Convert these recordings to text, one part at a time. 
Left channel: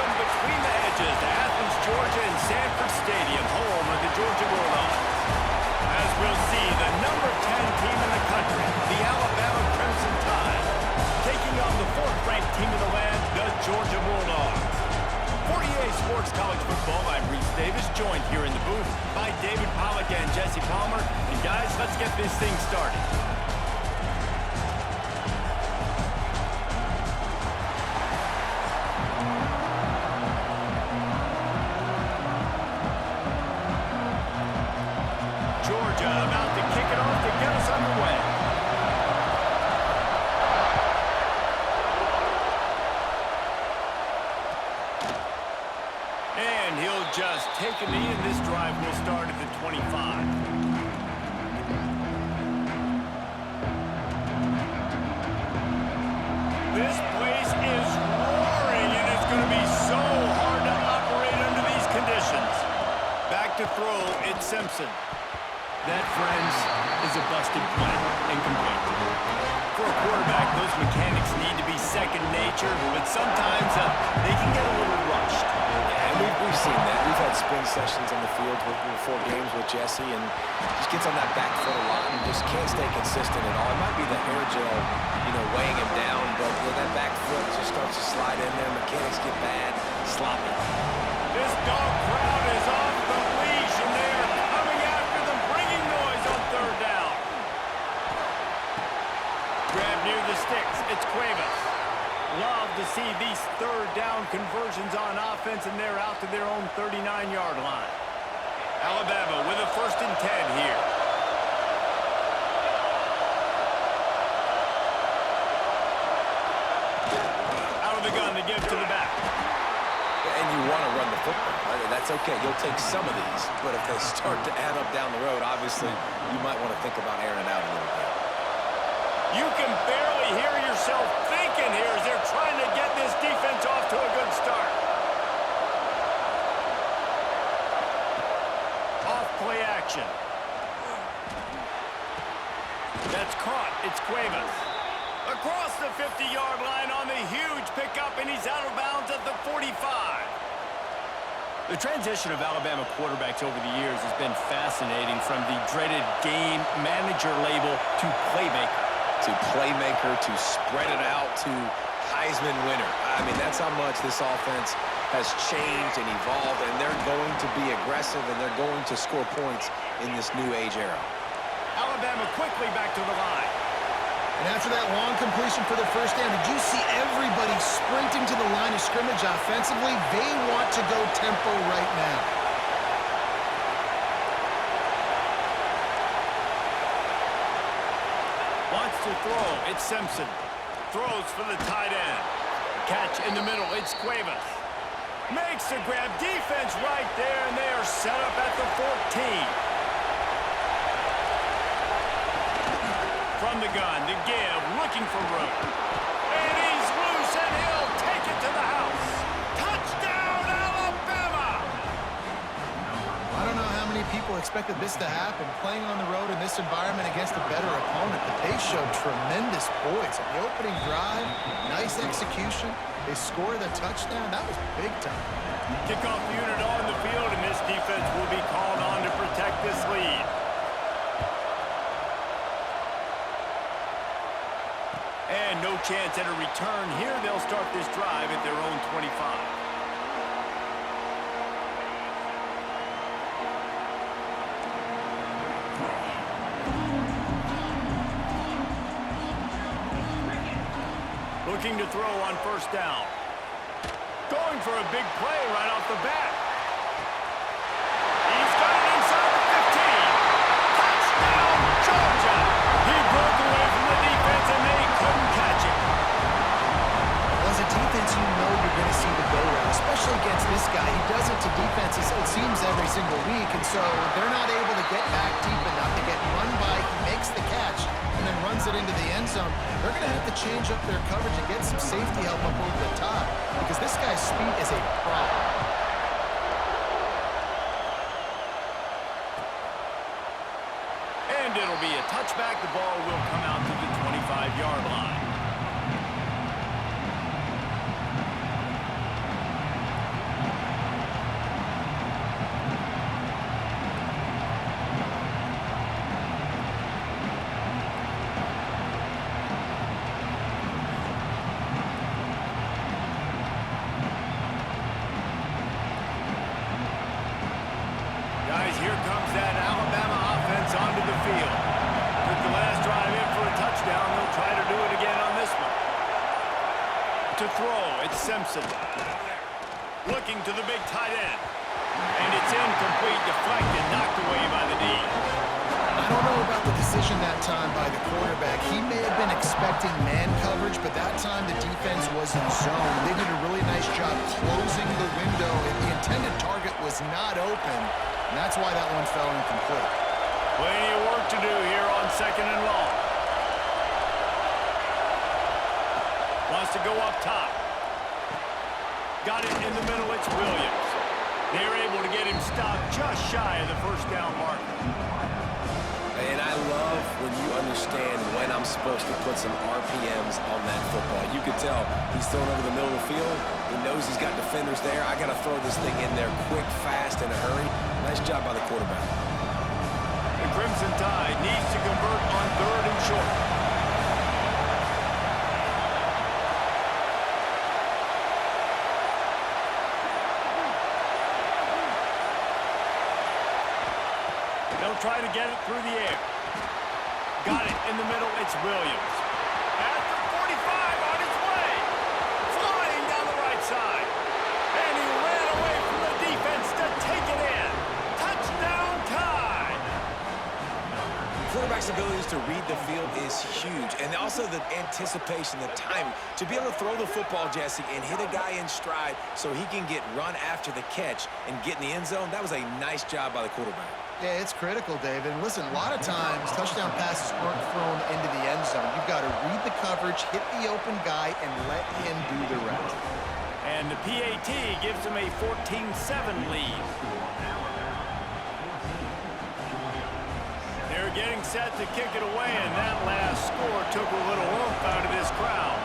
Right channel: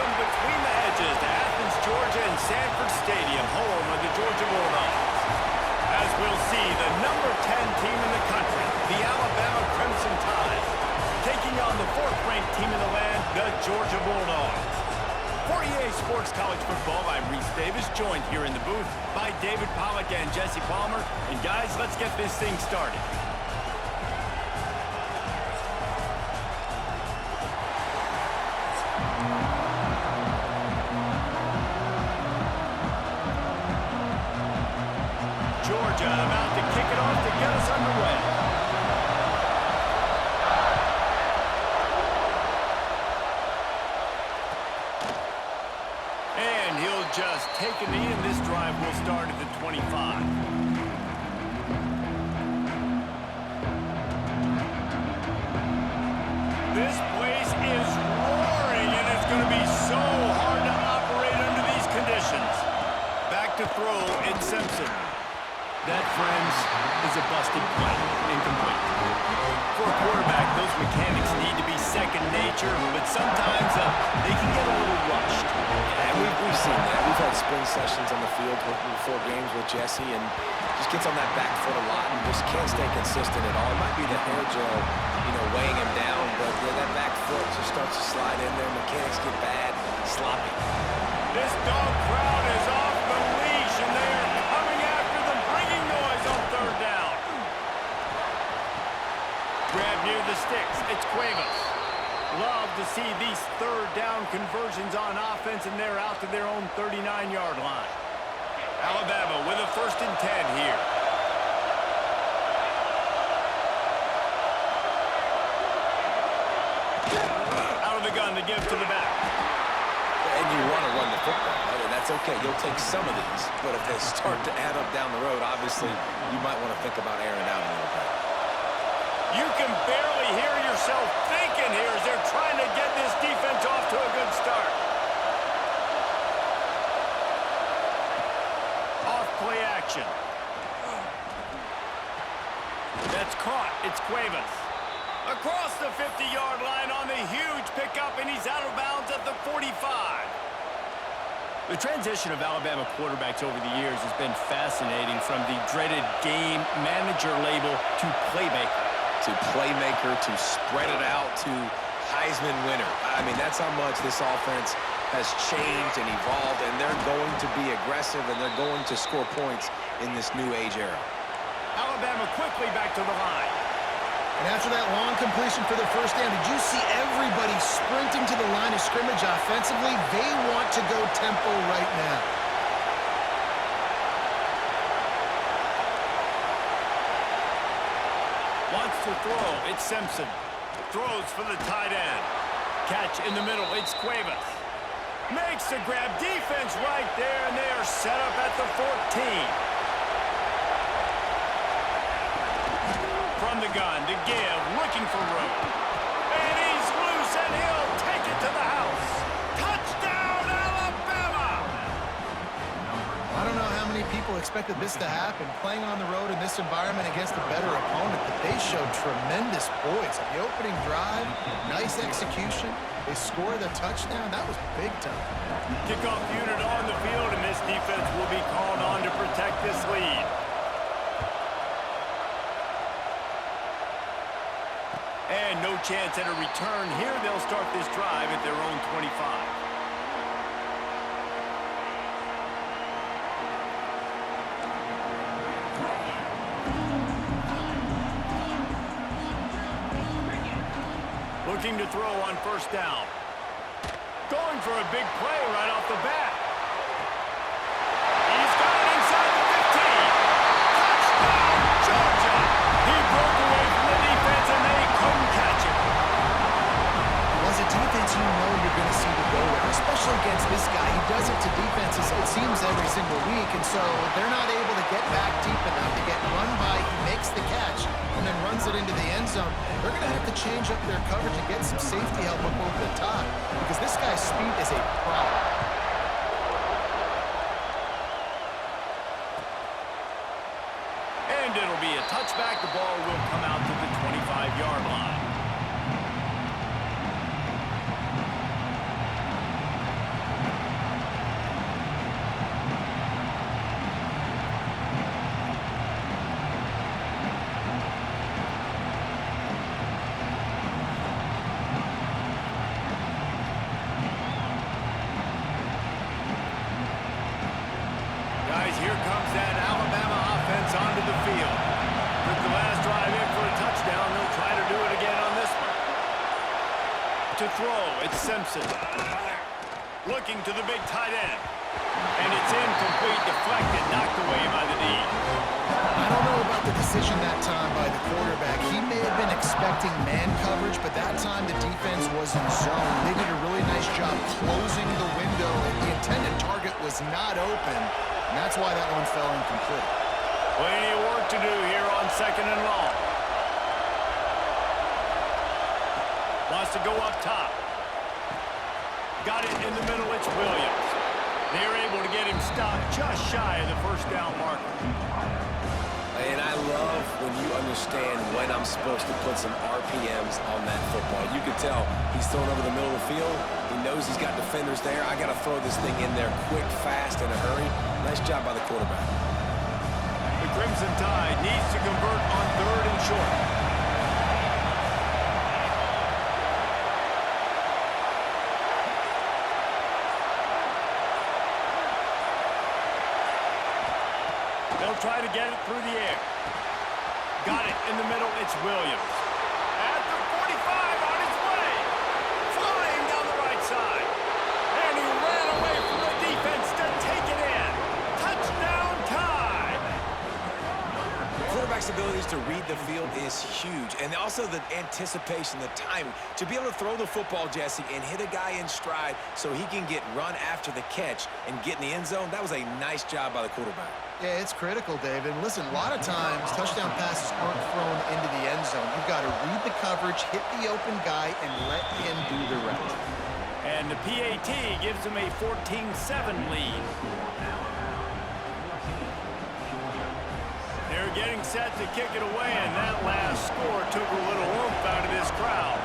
Welcome between the hedges to Athens, Georgia and Sanford Stadium, home of the Georgia Bulldogs. As we'll see, the number 10 team in the country, the Alabama Crimson Tide, taking on the 4th-ranked team in the land, the Georgia Bulldogs. For EA Sports College Football, I'm Reese Davis, joined here in the booth by David Pollack and Jesse Palmer. And guys, let's get this thing started. Georgia about to kick it off to get us underway. And he'll just take a knee, and this drive will start at the 25. This place is roaring, and it's going to be so hard to operate under these conditions. Back to throw, it's Simpson. That, friends, is a busted play. Incomplete. For a quarterback, those mechanics need to be second nature, but sometimes they can get a little rushed. Yeah, we've seen that. We've had spin sessions on the field before games with Jesse, and just gets on that back foot a lot and just can't stay consistent at all. It might be the hair gel, weighing him down, but that back foot just starts to slide in there. Mechanics get bad, sloppy. This dog crowd is off the leash, and they are coming after them, bringing noise on 3rd down. Grab near the sticks. It's Cuevas. Love to see these 3rd down conversions on offense, and they're out to their own 39-yard line. Alabama with a 1st and 10 here. Out of the gun to give to the back. And you want to run the football. That's okay. You'll take some of these. But if they start to add up down the road, obviously, you might want to think about airing it out a little bit. You can barely hear yourself thinking here as they're trying to get this defense off to a good start. Off play action. That's caught. It's Cuevas. Across the 50-yard line on the huge pickup, and he's out of bounds at the 45. The transition of Alabama quarterbacks over the years has been fascinating, from the dreaded game manager label to playmaker. To playmaker, to spread it out, to Heisman winner. I mean, that's how much this offense has changed and evolved, and they're going to be aggressive, and they're going to score points in this new age era. Alabama quickly back to the line. And after that long completion for the 1st down, did you see everybody sprinting to the line of scrimmage offensively? They want to go tempo right now. Wants to throw. It's Simpson. Throws for the tight end. Catch in the middle. It's Cuevas. Makes the grab. Defense right there, and they are set up at the 14. From the gun to give, looking for room. And he's loose, and he'll take it to the house. Touchdown, Alabama! I don't know how many people expected this to happen, playing on the road in this environment against a better opponent, but they showed tremendous poise. On the opening drive, nice execution. They score the touchdown. That was big time. Kickoff unit on the field, and this defense will be called on to protect this lead. And no chance at a return here. They'll start this drive at their own 25. Looking to throw on 1st down. Going for a big play right off the bat. He's got it inside the 15. Touchdown, Georgia! He broke away from the defense, and they couldn't catch him. Well, as a defense, you know you're going to see the go-round, especially against this guy. He does it to defenses, it seems, every single week, and so they're not able to get back deep enough to get run by. He makes the catch and then runs it into the end zone. They're going to have to change up their coverage and get some safety help up over the top, because this guy's speed is a problem. And it'll be a touchback. The ball will come out to the 25-yard line. gets onto the field. Took the last drive in for a touchdown. They'll try to do it again on this one. To throw, it's Simpson. Looking to the big tight end. And it's incomplete, deflected, knocked away by the D. I don't know about the decision that time by the quarterback. He may have been expecting man coverage, but that time the defense was in zone. They did a really nice job closing the window, and the intended target was not open, and that's why that one fell incomplete. Plenty of work to do here on 2nd and long. Wants to go up top. Got it in the middle, it's Williams. They're able to get him stopped just shy of the first down marker. And I love when you understand when I'm supposed to put some RPMs on that football. You could tell he's thrown over the middle of the field. He knows he's got defenders there. I got to throw this thing in there quick, fast, in a hurry. Nice job by the quarterback. The Crimson Tide needs to convert on 3rd and short. They'll try to get it through the air. Got it in the middle, it's Williams. At the 45, on his way. Flying down the right side. And he ran away from the defense to take it in. Touchdown Tide! Quarterback's abilities to read the field is huge, and also the anticipation, the timing. To be able to throw the football, Jesse, and hit a guy in stride so he can get run after the catch and get in the end zone, that was a nice job by the quarterback. Yeah, it's critical, David. And listen, a lot of times touchdown passes aren't thrown into the end zone. You've got to read the coverage, hit the open guy, and let him do the rest. And the PAT gives him a 14-7 lead. They're getting set to kick it away, and that last score took a little oomph out of this crowd.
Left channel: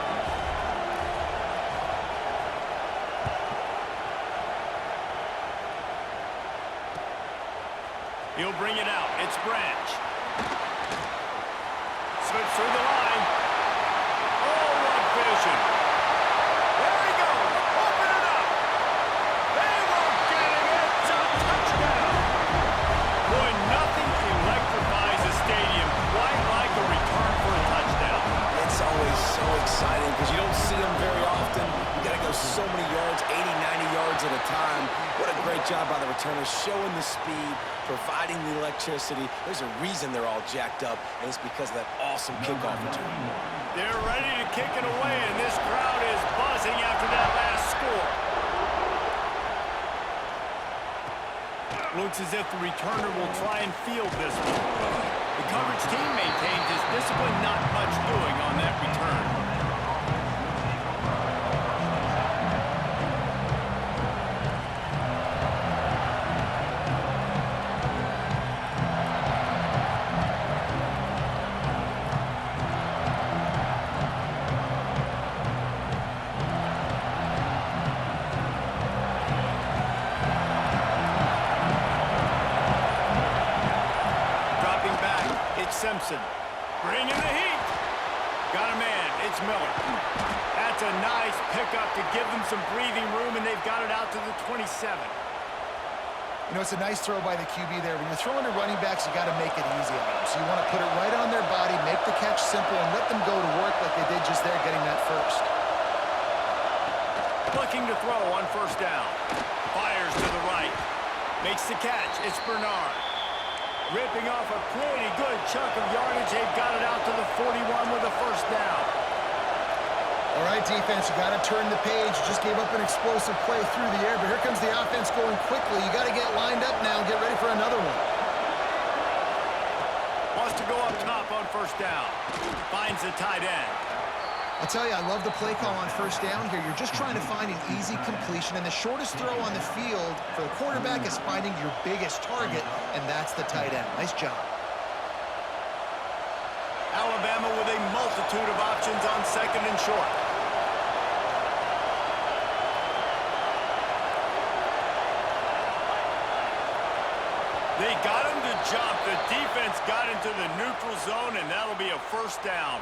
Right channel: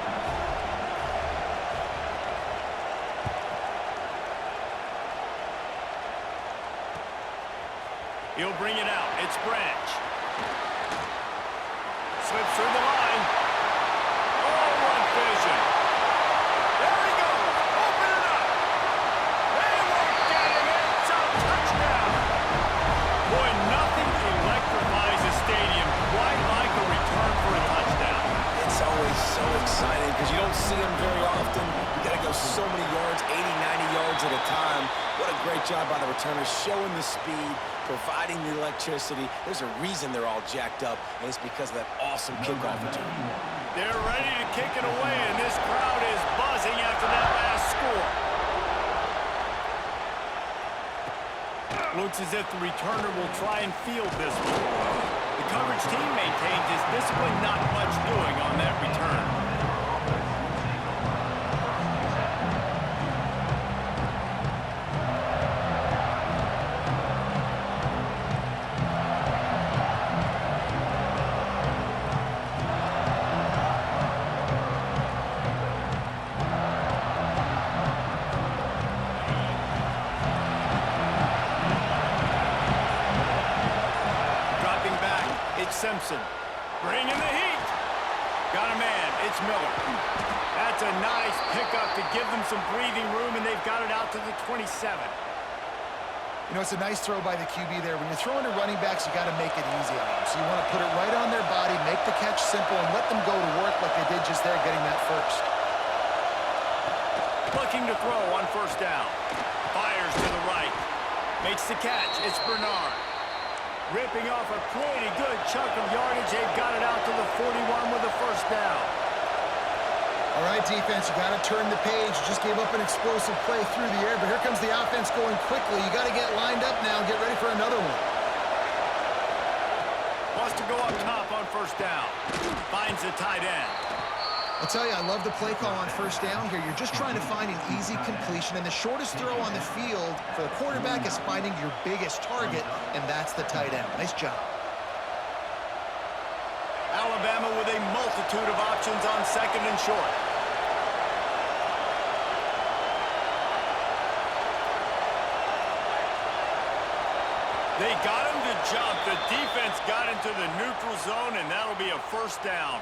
He'll bring it out. It's Branch. Slips through the line. Oh, what vision. There he goes. Open it up. They won't get him. It's a touchdown. Boy, nothing electrifies a stadium quite like a return for a touchdown. It's always so exciting because you don't see them very often. You got to go so many yards, 80, 90 yards at a time. What a great job by the returners, showing the speed, providing the electricity. There's a reason they're all jacked up, and it's because of that awesome kickoff return. They're ready to kick it away, and this crowd is buzzing after that last score. Looks as if the returner will try and field this one. The coverage team maintains his discipline, not much doing on that return. It's Simpson. Bringing the heat. Got a man. It's Miller. That's a nice pickup to give them some breathing room, and they've got it out to the 27. You know, it's a nice throw by the QB there. When you're throwing to running backs, you got to make it easy on them. So you want to put it right on their body, make the catch simple, and let them go to work like they did just there, getting that first. Looking to throw on 1st down. Fires to the right. Makes the catch. It's Bernard. Ripping off a pretty good chunk of yardage. They've got it out to the 41 with a 1st down. All right, defense, you got to turn the page. You just gave up an explosive play through the air, but here comes the offense going quickly. You got to get lined up now and get ready for another one. Wants to go up top on 1st down. Finds the tight end. I'll tell you, I love the play call on 1st down here. You're just trying to find an easy completion, and the shortest throw on the field for the quarterback is finding your biggest target, and that's the tight end. Nice job. Alabama with a multitude of options on 2nd and short. They got him to jump. The defense got into the neutral zone, and that'll be a 1st down.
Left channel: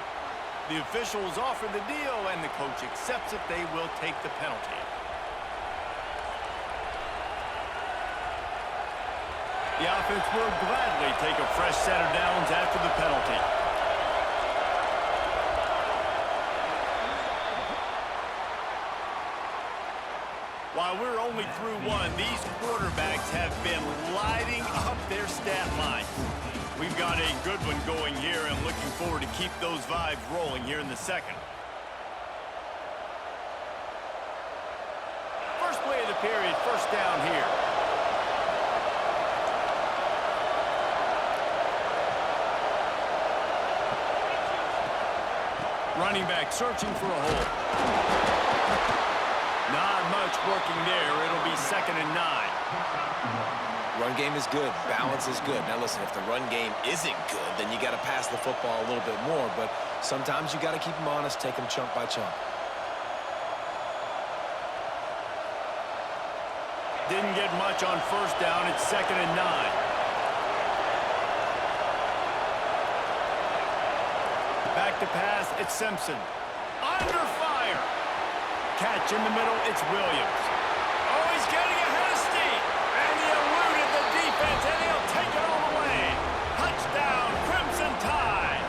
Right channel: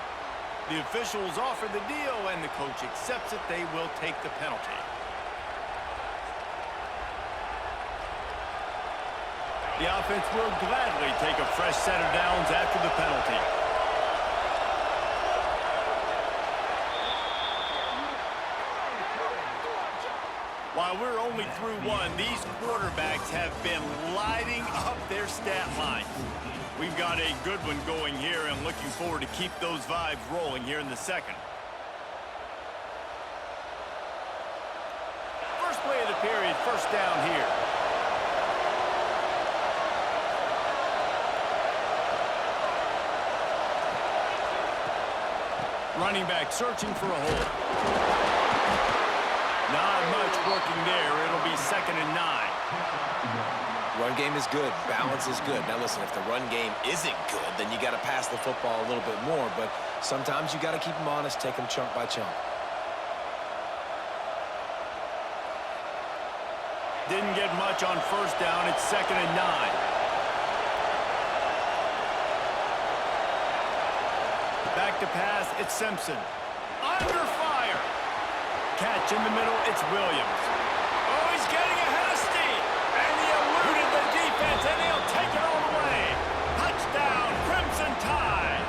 The officials offer the deal, and the coach accepts it. They will take the penalty. The offense will gladly take a fresh set of downs after the penalty. While we're only through one, these quarterbacks have been lighting up their stat lines. We've got a good one going here and looking forward to keep those vibes rolling here in the second. First play of the period, first down here. Running back searching for a hole. Not much working there. It'll be 2nd and 9. Run game is good. Balance is good. Now, listen, if the run game isn't good, then you got to pass the football a little bit more. But sometimes you got to keep them honest, take them chunk by chunk. Didn't get much on first down. It's 2nd and 9. Back to pass. It's Simpson. Under fire. Catch in the middle, it's Williams. Oh, he's getting ahead of steam. And he eluded the defense, and he'll take it all the way. Touchdown, Crimson Tide.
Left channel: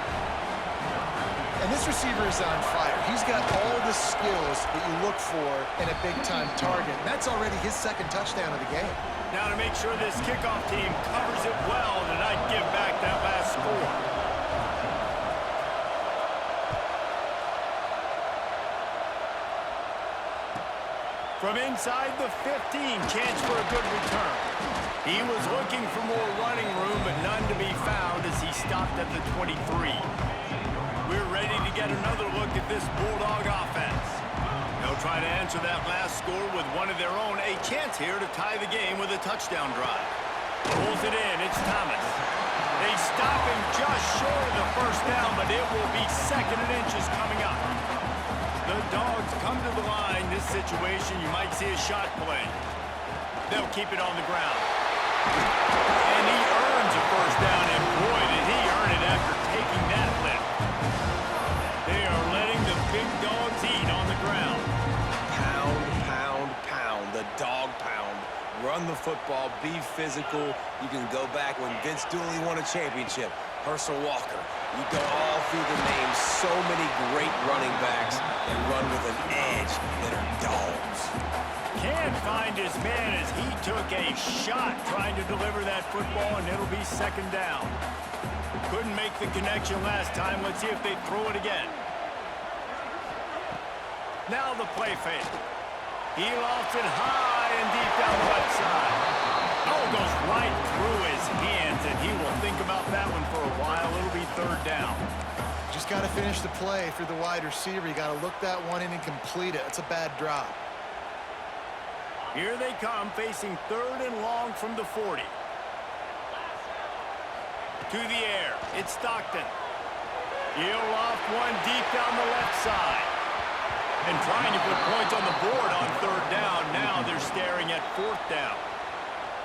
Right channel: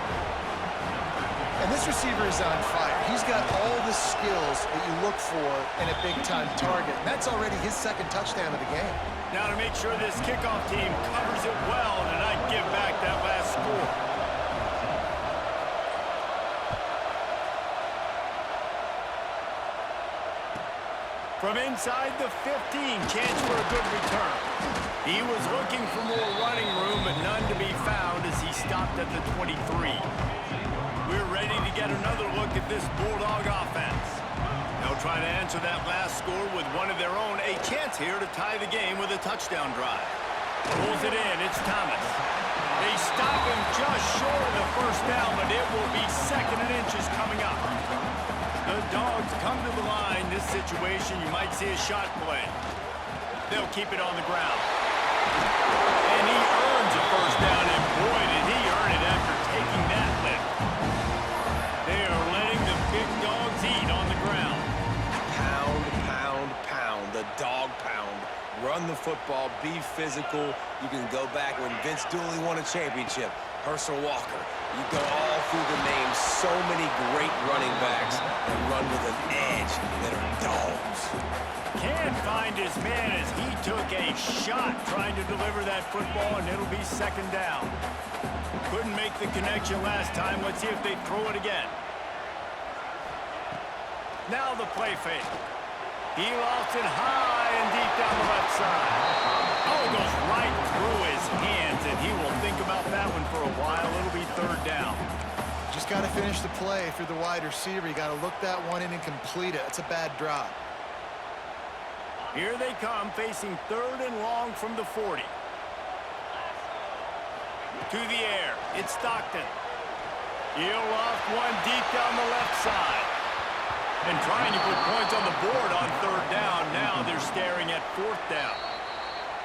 And this receiver is on fire. He's got all the skills that you look for in a big-time target. And that's already his 2nd touchdown of the game. Now to make sure this kickoff team covers it well and not give back that last score. From inside the 15, chance for a good return. He was looking for more running room, but none to be found as he stopped at the 23. We're ready to get another look at this Bulldog offense. They'll try to answer that last score with one of their own. A chance here to tie the game with a touchdown drive. Pulls it in. It's Thomas. They stop him just short of the first down, but it will be 2nd and inches coming up. The Dogs come to the line. This situation, you might see a shot play. They'll keep it on the ground. And he earns a first down, and boy, did he earn it after taking that lift. They are letting the big dogs eat on the ground. Pound, pound, pound. The dog pound. Run the football. Be physical. You can go back when Vince Dooley won a championship. Herschel Walker. You go all through the names. So many great running backs that run with an edge that are dogs. Can't find his man as he took a shot trying to deliver that football, and it'll be 2nd down. Couldn't make the connection last time. Let's see if they throw it again. Now the play fake. He lost it high and deep down the left side. Oh, it goes right through his hands, and he will think about that one for a while. It'll be 3rd down. Just got to finish the play if you're the wide receiver. You got to look that one in and complete it. It's a bad drop. Here they come, facing 3rd and long from the 40. To the air, it's Stockton. He'll loft one deep down the left side. And trying to put points on the board on 3rd down. Now they're staring at 4th down.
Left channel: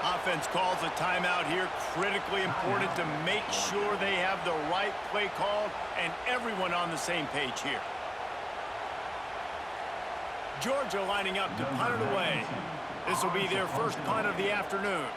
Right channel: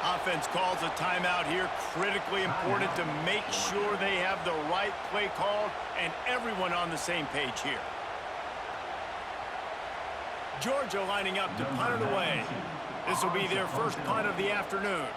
Offense calls a timeout here. Critically important to make sure they have the right play called and everyone on the same page here. Georgia lining up to punt it away. This will be their first punt of the afternoon.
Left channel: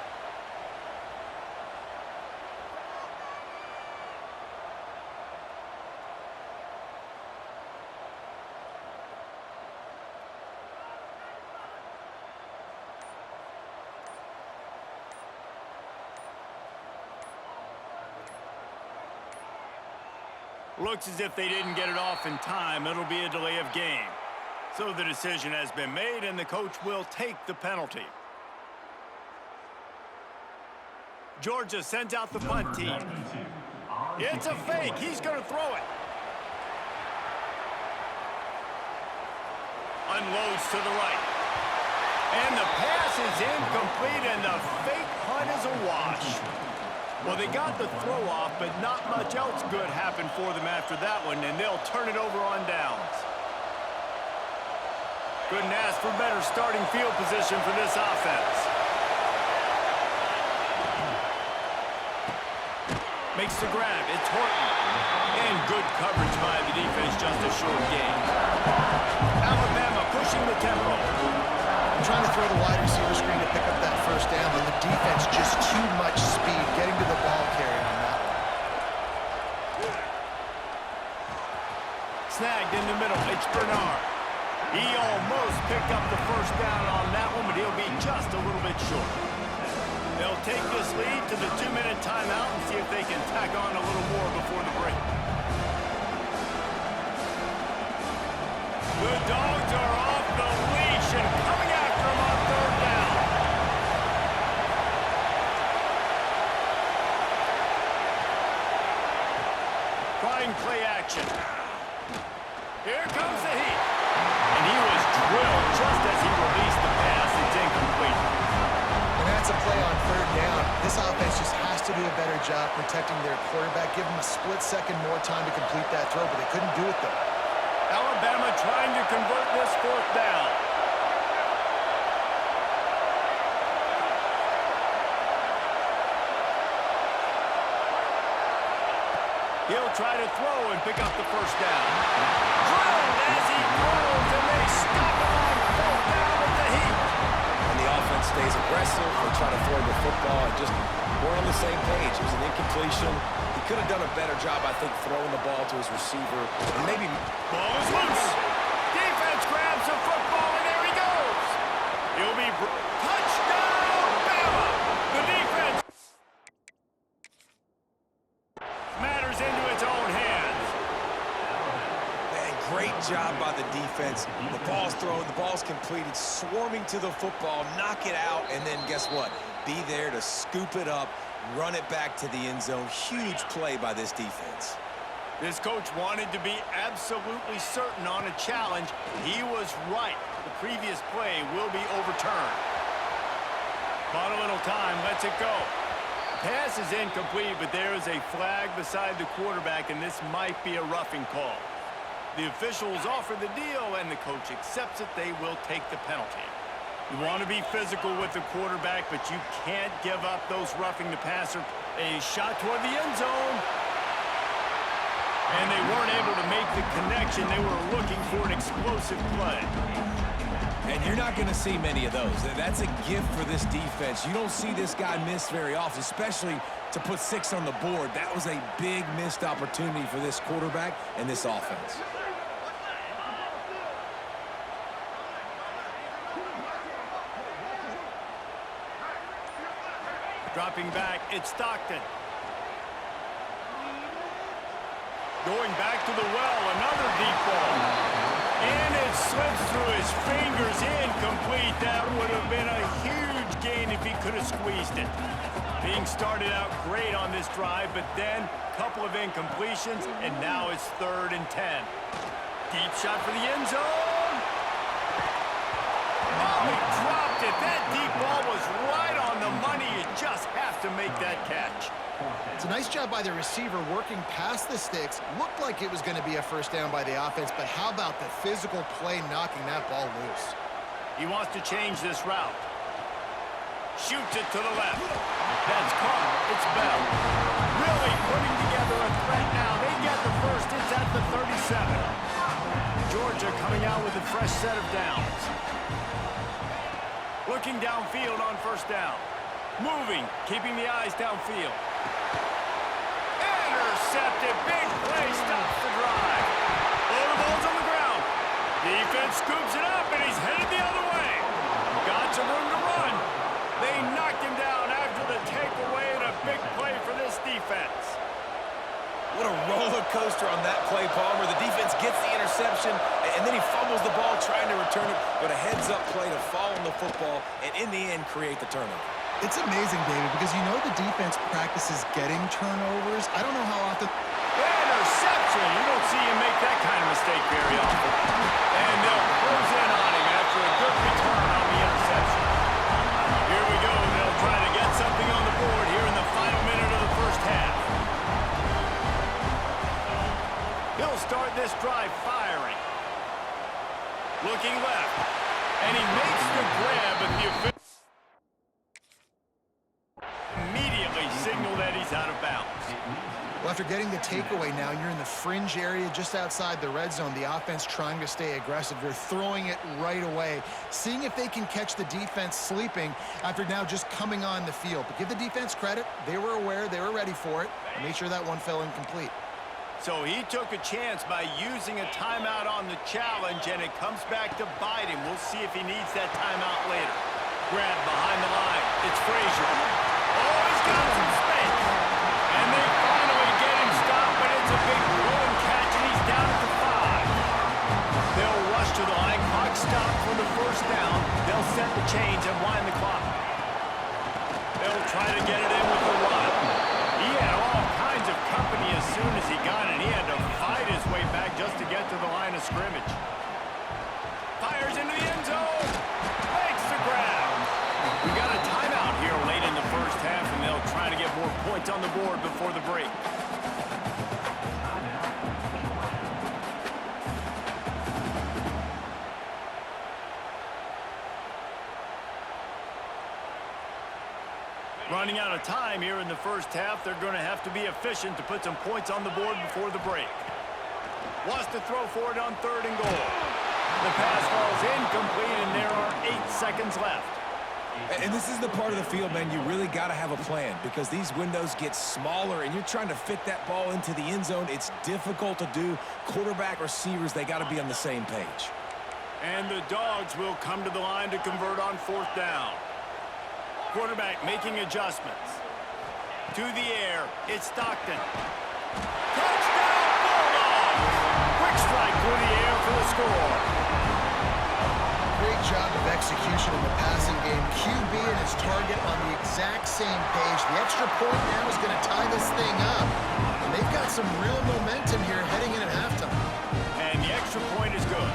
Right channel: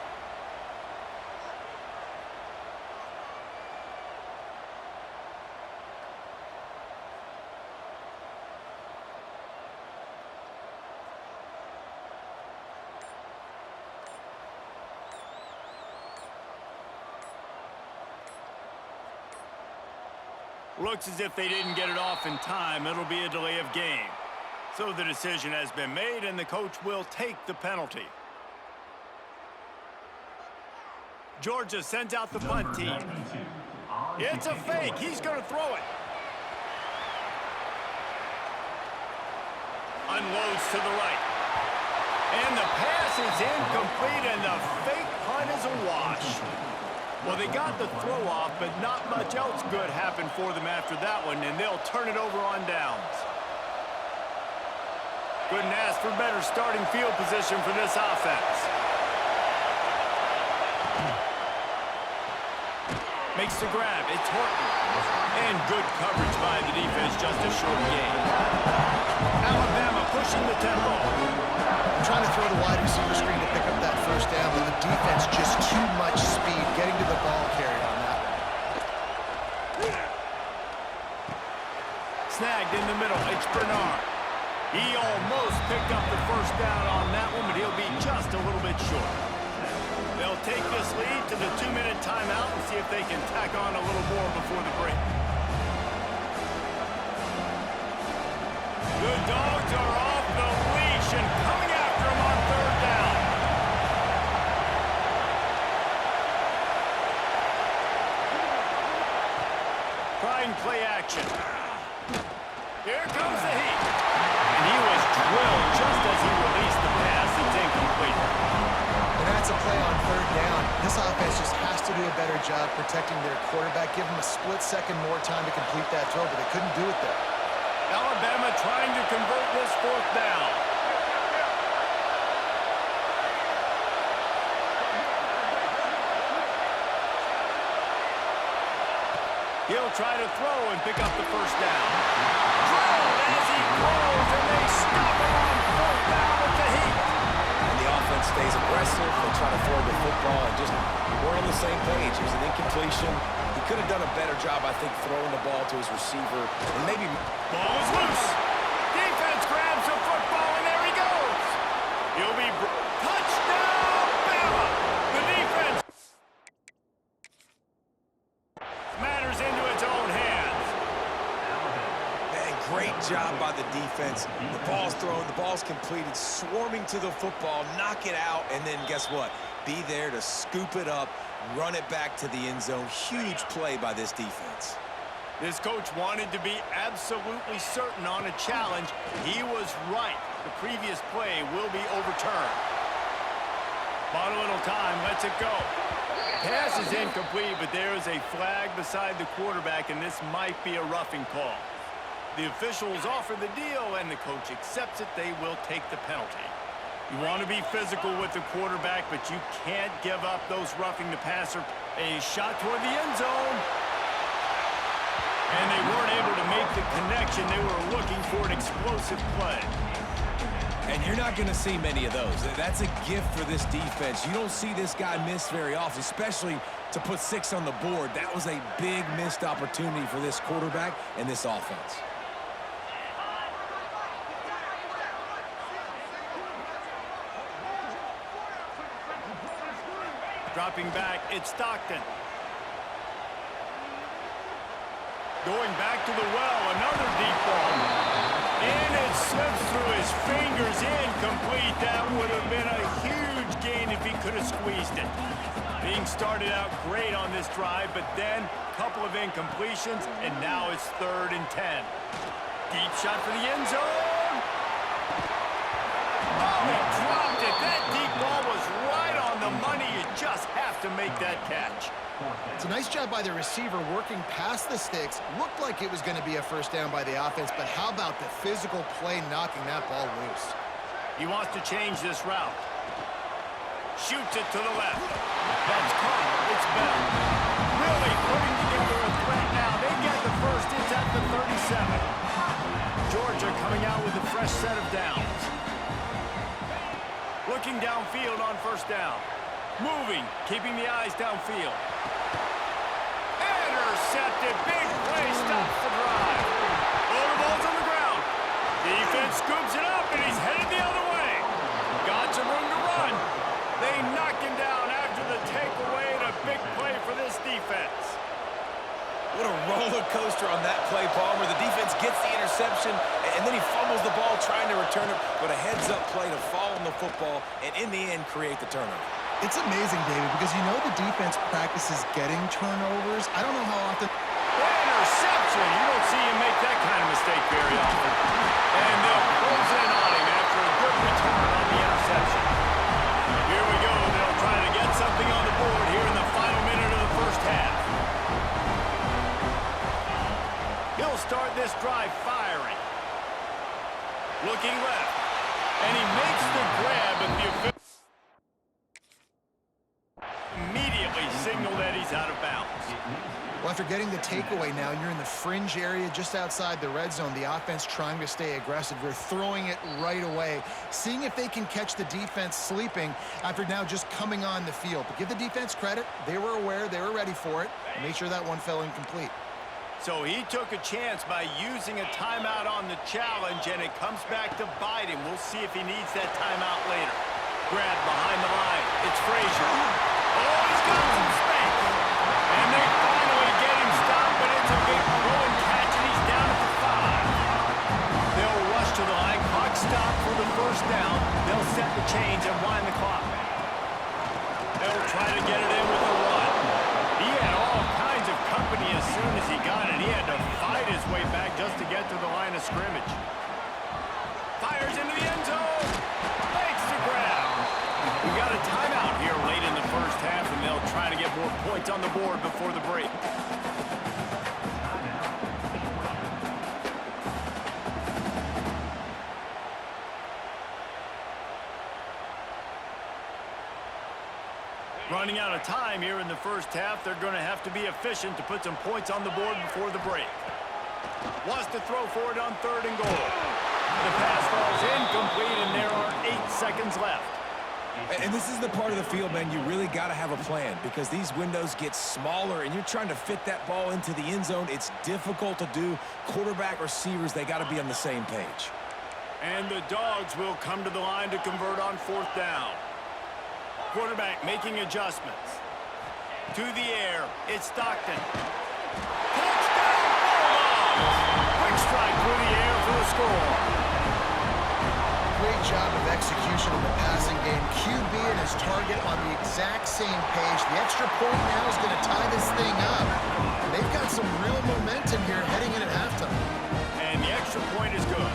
Looks as if they didn't get it off in time. It'll be a delay of game. So the decision has been made, and the coach will take the penalty. Georgia sends out the punt team. It's a fake. He's going to throw it. Unloads to the right. And the pass is incomplete, and the fake punt is a wash. Well, they got the throw off, but not much else good happened for them after that one, and they'll turn it over on downs. Couldn't ask for better starting field position for this offense. Makes the grab. It's Horton. And good coverage by the defense, just a short gain. Alabama pushing the tempo. trying to throw the wide receiver screen to pick up that first down, but the defense just too much speed getting to the ball carrier on that one. Snagged in the middle. It's Bernard. He almost picked up the first down on that one, but he'll be just a little bit short. They'll take this lead to the 2-minute timeout and see if they can tack on a little more before the break. The Dogs are off the leash and coming after him on third down. Trying play action. Here comes the heat. And he was drilled just as he released the pass. It's incomplete. And that's a play on third down. This offense just has to do a better job protecting their quarterback. Give him a split second more time to complete that throw, but they couldn't do it there. Alabama trying to convert this fourth down. He'll try to throw and pick up the first down. Drilled as he throws, and they stop him on fourth down with the heat. And the offense stays aggressive. They try to throw the football and just we're on the same page. It was an incompletion. He could have done a better job, I think, throwing the ball to his receiver. And maybe... Ball is loose. Defense grabs the football, and there he goes. He'll be... Touchdown, Bama! The defense matters into its own hands. Man, great job by the defense. The ball's thrown, the ball's completed, swarming to the football, knock it out, and then guess what? Be there to scoop it up, run it back to the end zone. Huge play by this defense. This coach wanted to be absolutely certain on a challenge. He was right. The previous play will be overturned. Bought a little time, lets it go. Pass is incomplete, but there is a flag beside the quarterback, and this might be a roughing call. The officials offer the deal, and the coach accepts it. They will take the penalty. You want to be physical with the quarterback, but you can't give up those roughing the passer. A shot toward the end zone. And they weren't able to make the connection. They were looking for an explosive play. And you're not going to see many of those. That's a gift for this defense. You don't see this guy miss very often, especially to put 6 on the board. That was a big missed opportunity for this quarterback and this offense. Dropping back, it's Stockton. Going back to the well, another deep ball. And it slips through his fingers, incomplete. That would have been a huge gain if he could have squeezed it. Being started out great on this drive, but then a couple of incompletions, and now it's 3rd and 10. Deep shot for the end zone. Oh, he dropped it. That deep ball was right on the money. You just have to make that catch. It's a nice job by the receiver working past the sticks. Looked like it was going to be a first down by the offense, but how about the physical play knocking that ball loose? He wants to change this route. Shoots it to the left. That's caught. It's Bell. Really putting together a threat now. They get the first. It's at the 37. Georgia coming out with a fresh set of downs. Looking downfield on first down. Moving, keeping the eyes downfield. Intercepted. Big play stops the drive. Oh, the ball's on the ground. Defense scoops it up, and he's headed the other way. Got some room to run. They knocked him down after the takeaway, and a big play for this defense. What a roller coaster on that play, Palmer. The defense gets the interception, and then he fumbles the ball trying to return it, but a heads-up play to fall on the football, and in the end, create the turnover. It's amazing, David, because you know the defense practices getting turnovers. I don't know how often... Interception! You don't see him make that kind of mistake very often. And they'll close in on him after a good return on the interception. Here we go. They'll try to get something on the board here in the final minute of the first half. He'll start this drive firing. Looking left. And he makes the grab, but the official immediately signal that he's out of bounds. Well, after getting the takeaway now, you're in the fringe area just outside the red zone. The offense trying to stay aggressive. You're throwing it right away, seeing if they can catch the defense sleeping after now just coming on the field. But give the defense credit. They were aware. They were ready for it. Make sure that one fell incomplete. So he took a chance by using a timeout on the challenge, and it comes back to bite him. We'll see if he needs that timeout later. Grab behind the line. It's Frazier. Oh, he's got some space. And they finally get him stopped, but it's a big throw and catch, and he's down at the 5. They'll rush to the line. Clock stopped for the first down. They'll set the chains and wind the clock. They'll try to get it in with the run. He had all kinds of company as soon as he got it. He had to fight his way back just to get to the line of scrimmage. Fires into the end zone. Makes the grab. We've got a timeout here late in the first half, and they'll try to get more points on the board before the break. Running out of time here in the first half. They're going to have to be efficient to put some points on the board before the break. Wants to throw for it on 3rd and goal. The pass falls incomplete, and there are 8 seconds left. And this is the part of the field, man, you really got to have a plan because these windows get smaller and you're trying to fit that ball into the end zone. It's difficult to do. Quarterback, receivers, they got to be on the same page. And the Dogs will come to the line to convert on 4th down. Quarterback making adjustments. To the air, it's Stockton. Touchdown, Bulldogs! Quick strike through the air for the score. Great job of execution in the passing game. QB and his target on the exact same page. The extra point now is going to tie this thing up. And they've got some real momentum here heading in at halftime. And the extra point is good.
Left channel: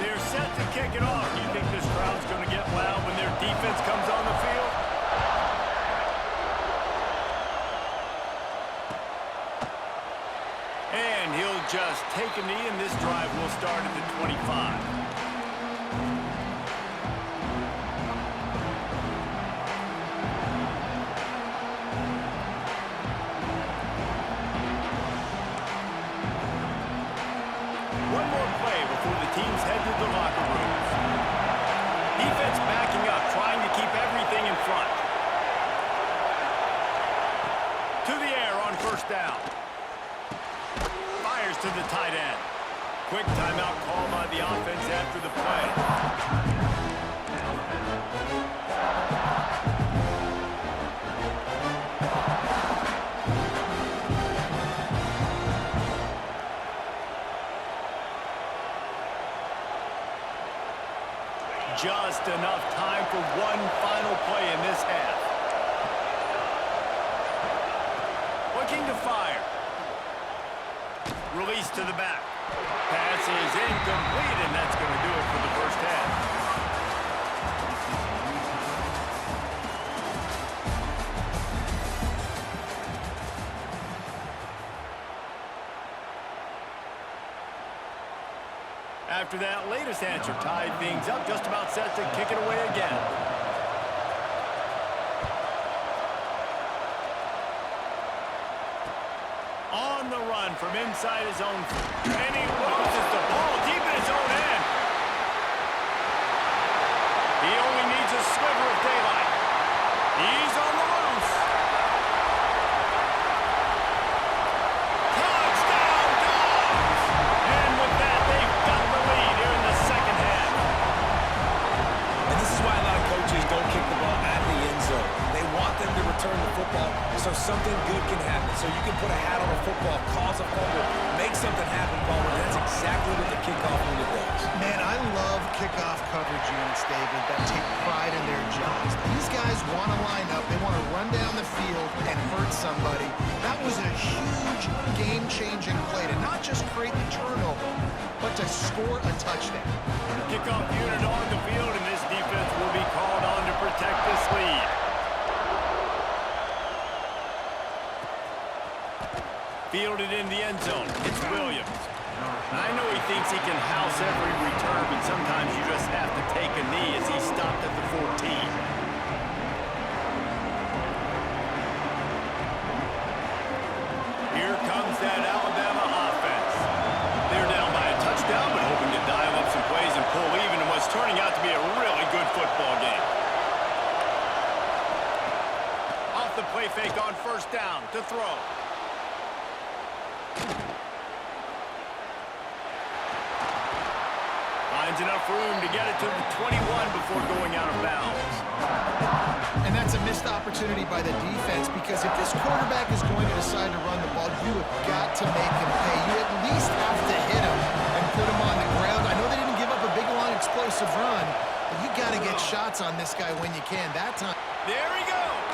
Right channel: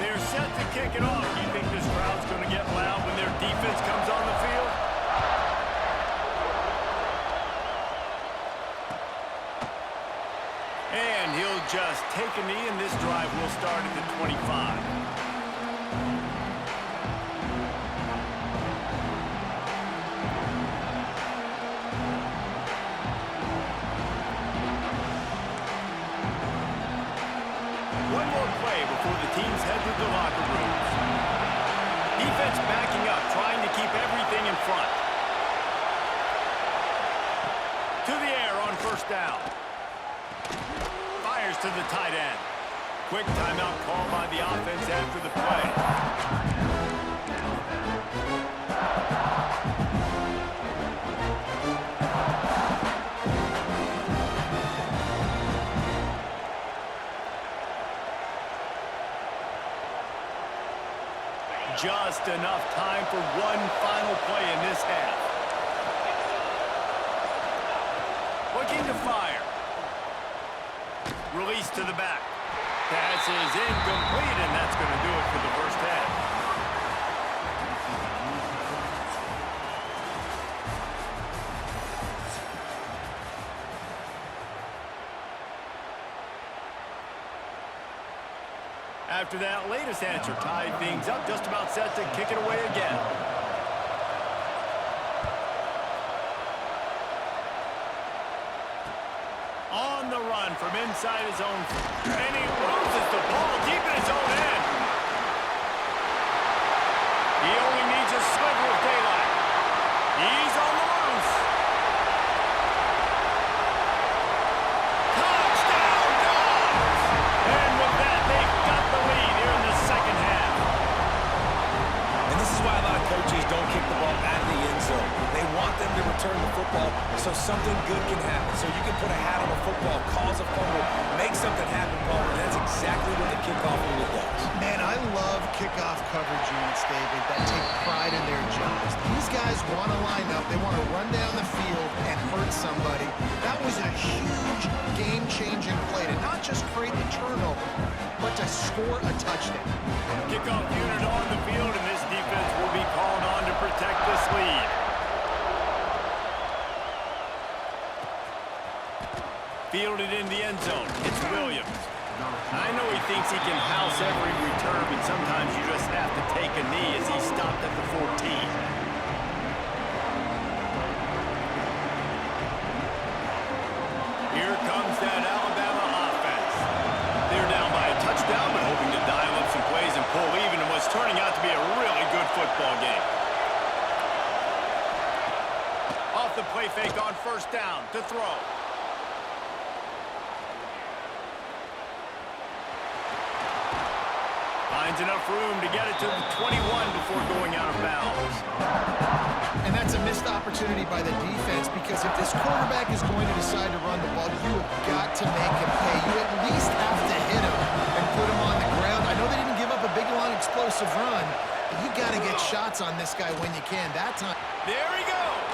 They're set to kick it off. Do you think this crowd's going to get loud when their defense comes on the field? And he'll just take a knee, and this drive will start at the 25. One more play before the teams head to the locker rooms. Defense backing up, trying to keep everything in front. To the air on 1st down. Fires to the tight end. Quick timeout call by the offense after the play. Just enough time for one final play in this half. Looking to fire. Release to the back. Pass is incomplete, and that's going to do it for the first half. After that latest answer tied things up, just about set to kick it away again. On the run from inside his own, and he loses the ball deep in his own end. He only needs a sliver of daylight. He's on the loose. Touchdown, Dogs! And with that, they've got the lead here in the second half. And this is why a lot of coaches don't kick the ball out of the end zone. They want them to return the football so something good can happen. So you can put a hat on a football, cause a fumble, make something happen, Palmer. And that's exactly what the kickoff unit does. Man, I love kickoff coverage units, David, that take pride in their jobs. These guys want to line up. They want to run down the field and hurt somebody. That was a huge game-changing play to not just create the turnover, but to score a touchdown. Kickoff unit on the field, and this defense will be called on to protect this lead. Fielded in the end zone. It's Williams. I know he thinks he can house every return, but sometimes you just have to take a knee as he stopped at the 14. comes that Alabama offense. They're down by a touchdown, but hoping to dial up some plays and pull even in what's turning out to be a really good football game. Off the play fake on first down to throw. Finds enough room to get it to the 21 before going out of bounds. And that's a missed opportunity by the defense, because if this quarterback is going to decide to run the ball, you have got to make him pay. You at least have to hit him and put him on the ground. I know they didn't give up a big, long, explosive run, but you got to get shots on this guy when you can. That time. There he goes.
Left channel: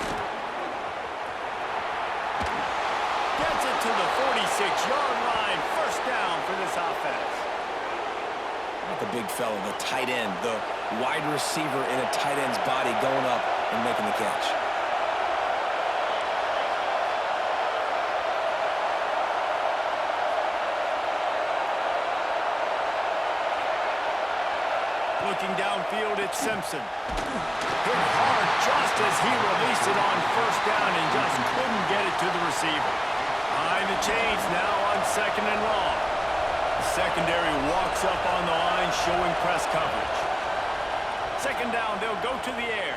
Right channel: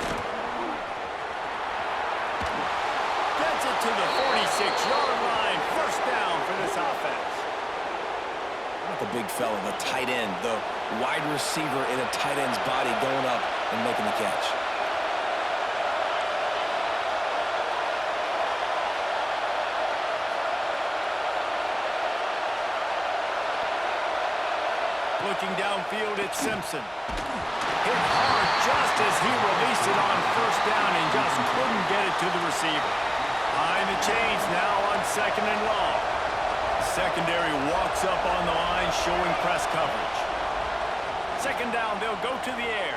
Gets it to the 46-yard line. First down for this offense. Not the big fella, the tight end, the wide receiver in a tight end's body going up and making the catch. Looking downfield, it's Simpson. Hit hard just as he released it on first down and just couldn't get it to the receiver. Behind the chains now on second and long. The secondary walks up on the line, showing press coverage. Second down, they'll go to the air.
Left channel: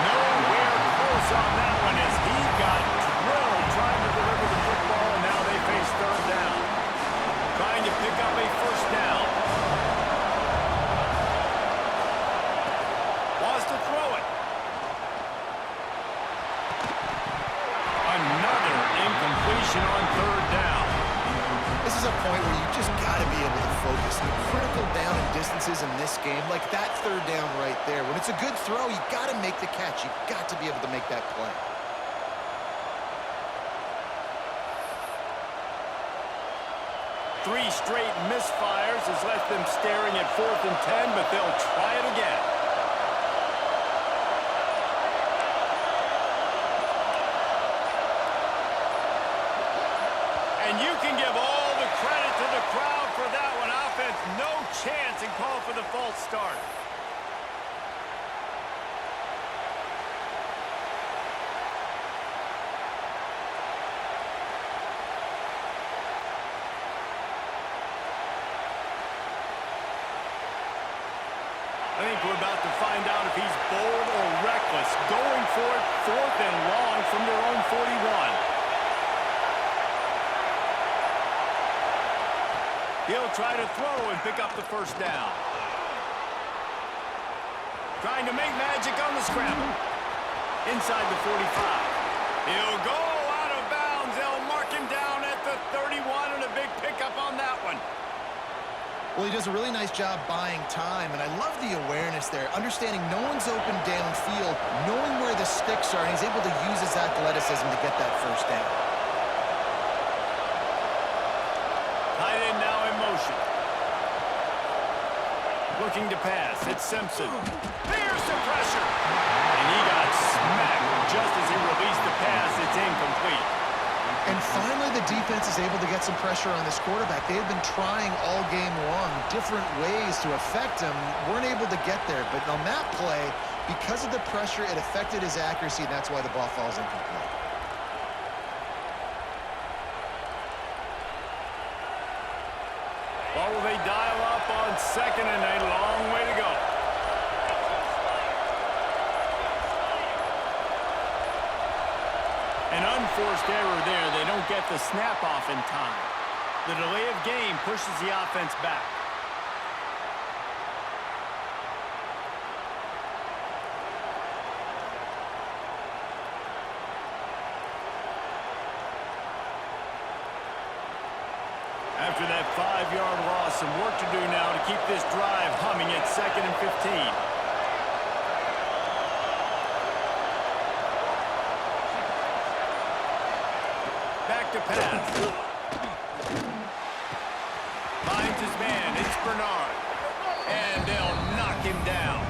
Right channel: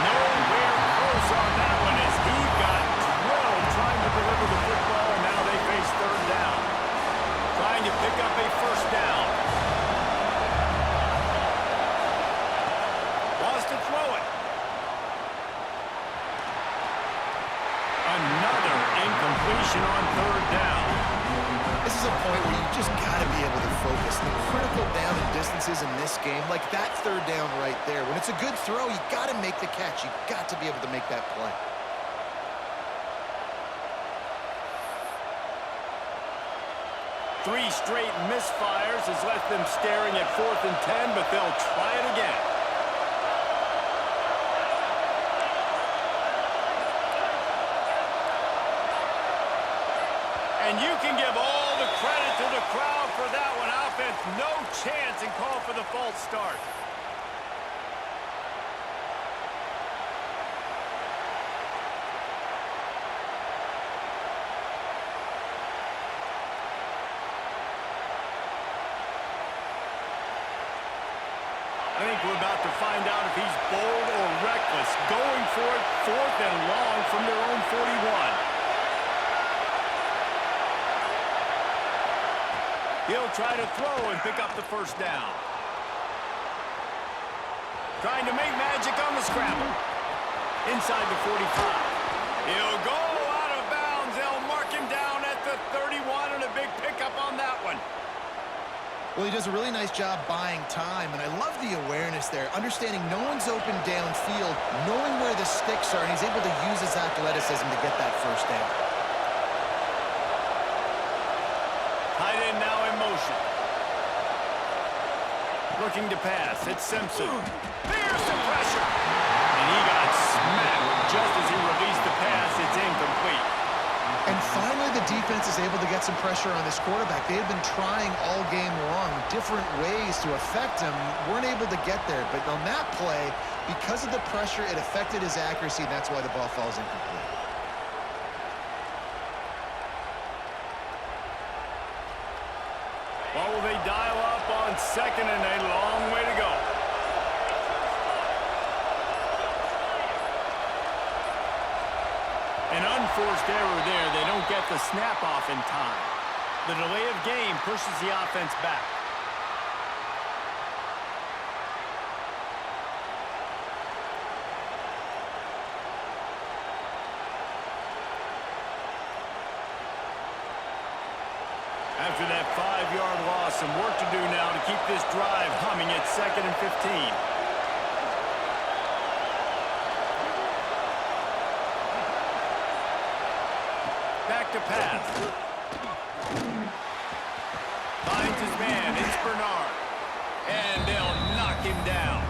Nowhere close on that one as he got drilled trying to deliver the football, and now they face third down. Trying to pick up a first down. Wants to throw it. Another incompletion on third down. This is a point where you just got to be able to focus. The critical down and distances in this game, like that third down right there. When it's a good throw, you got to make the catch. You got to be able to make that play. Three straight misfires has left them staring at 4th and 10, but they'll try it again. And you can give all the credit to the crowd for that one. Offense, no chance, and call for the false start. I think we're about to find out if he's bold or reckless. Going for it, 4th and long from their own 41. He'll try to throw and pick up the first down. Trying to make magic on the scramble. Inside the 45. He'll go out of bounds. They'll mark him down at the 31, and a big pickup on that one. Well, he does a really nice job buying time, and I love the awareness there. Understanding no one's open downfield, knowing where the sticks are, and he's able to use his athleticism to get that first down. Tight end now in motion. Looking to pass. It's Simpson. There's the pressure. And he got smacked just as he released the pass. It's incomplete. And finally, the defense is able to get some pressure on this quarterback. They had been trying all game long different ways to affect him. Weren't able to get there. But on that play, because of the pressure, it affected his accuracy, and that's why the ball falls incomplete. What will they dial up on second, and a long way to go? An unforced error there. They don't get the snap off in time. The delay of game pushes the offense back. After that 5-yard loss, some work to do now to keep this drive humming at 2nd and 15. Back to pass. Finds his man. It's Bernard. And they'll knock him down.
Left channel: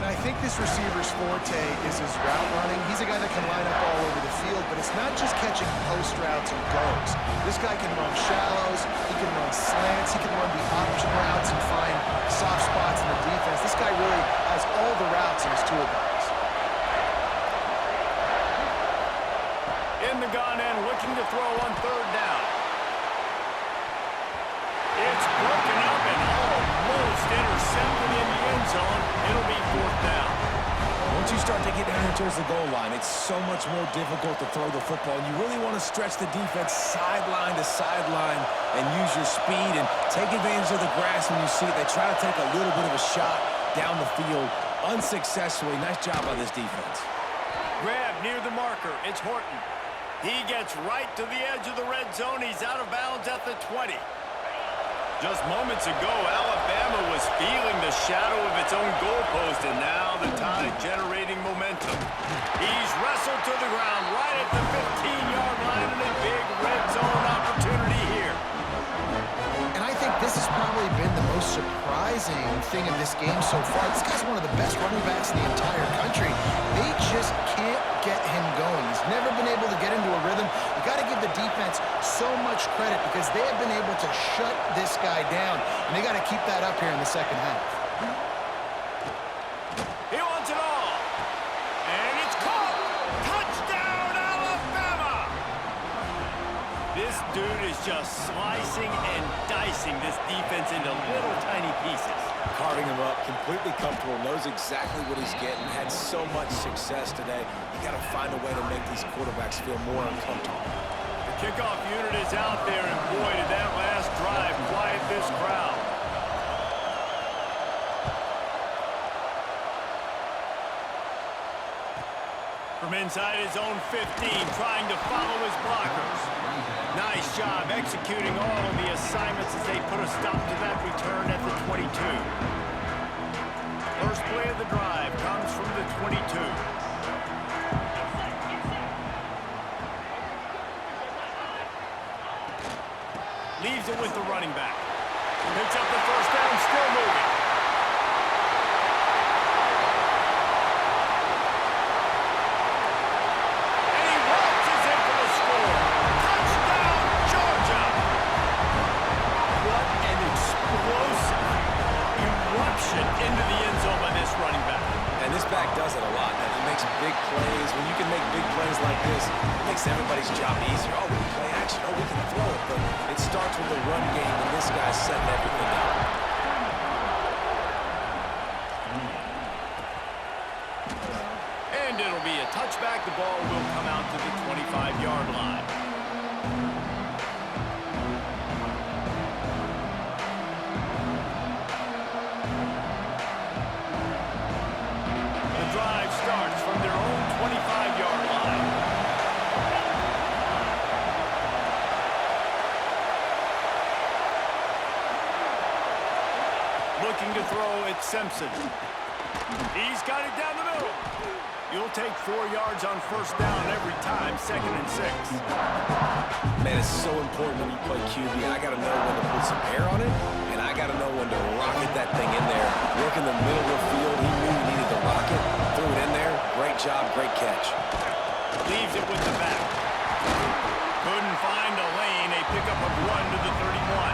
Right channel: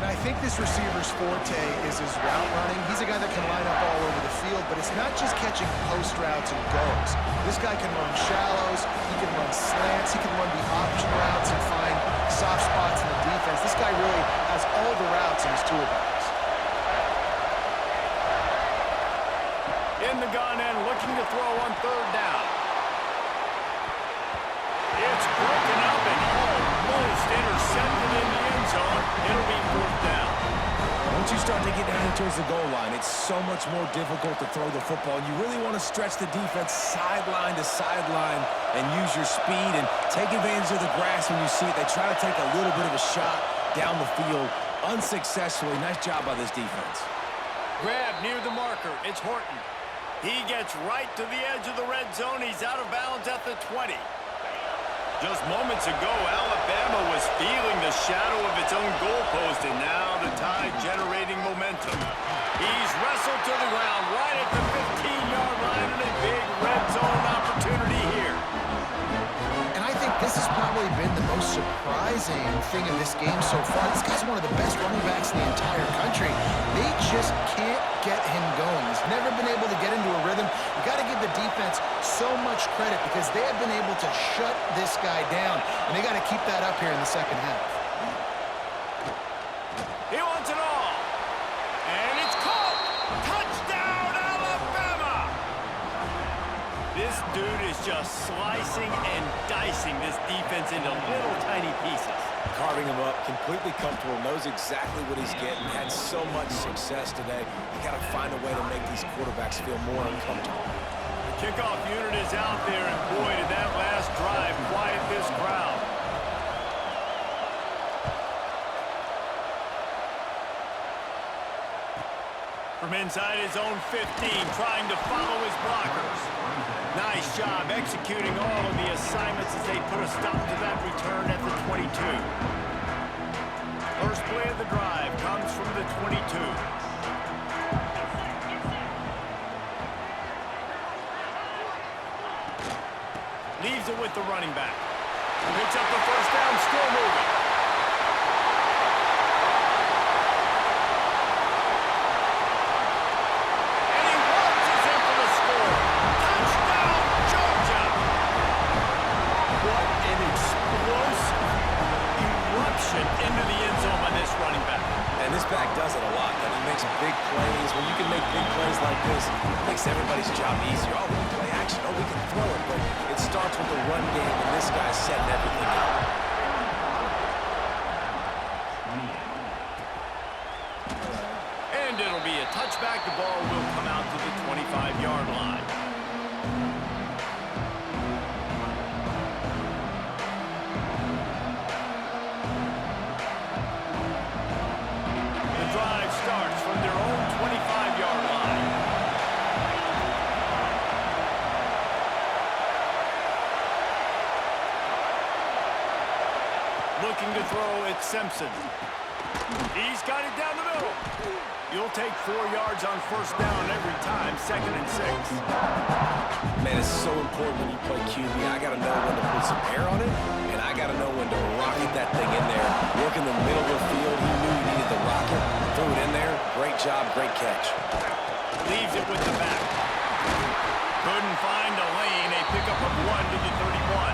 And I think this receiver's forte is his route running. He's a guy that can line up all over the field, but it's not just catching post routes and goes. This guy can run shallows, he can run slants, he can run the option routes and find soft spots in the defense. This guy really has all the routes in his toolbox. In the gun and looking to throw on third down. It's broken up and almost intercepted in the end zone. It'll be fourth down. Once you start to get down here towards the goal line, it's so much more difficult to throw the football. And you really want to stretch the defense sideline to sideline and use your speed and take advantage of the grass when you see it. They try to take a little bit of a shot down the field unsuccessfully. Nice job by this defense. Grab near the marker. It's Horton. He gets right to the edge of the red zone. He's out of bounds at the 20. Just moments ago, Alabama was feeling the shadow of its own goalpost, and now the Tide generating momentum. He's wrestled to the ground right at the 15-yard line, and a big red zone opportunity here. And I think this has probably been the most surprising thing in this game so far. This guy's one of the best running backs in the entire country. They just can't get him going. He's never been able to get into a rhythm. You got to give the defense so much credit because they have been able to shut this guy down, and they got to keep that up here in the second half. He wants it all. And it's caught. Touchdown, Alabama! This dude is just slicing and dicing this defense into little tiny pieces. Carving him up, completely comfortable, knows exactly what he's getting, had so much success today. You got to find a way to make these quarterbacks feel more uncomfortable. The kickoff unit is out there, and boy, did that last drive quiet this crowd. From inside his own 15, trying to follow his blockers. Nice job executing all of the assignments as they put a stop to that return at the 22. First play of the drive comes from the 22. Leaves it with the running back. Picks up the first down, still moving. Into the end zone by this running back. And this back does it a lot. That he makes big plays. When you can make big plays like this, it makes everybody's job easier. Oh, we can play action. Oh, we can throw it. But it starts with the run game, and this guy's setting everything up. And it'll be a touchback. The ball will come out to the 25-yard line. Starts from their own 25-yard line. Looking to throw, it's Simpson. He's got it down the middle. You'll take 4 yards on first down every time, 2nd and 6. Man, it's so important when you play QB. I got to know when to put some air on it, and I got to know when to rocket that thing in there. Work in the middle of the field. He knew he needed the rocket. Threw it in there. Great job, great catch. Leaves it with the back. Couldn't find a lane. A pickup of 1 to the 31.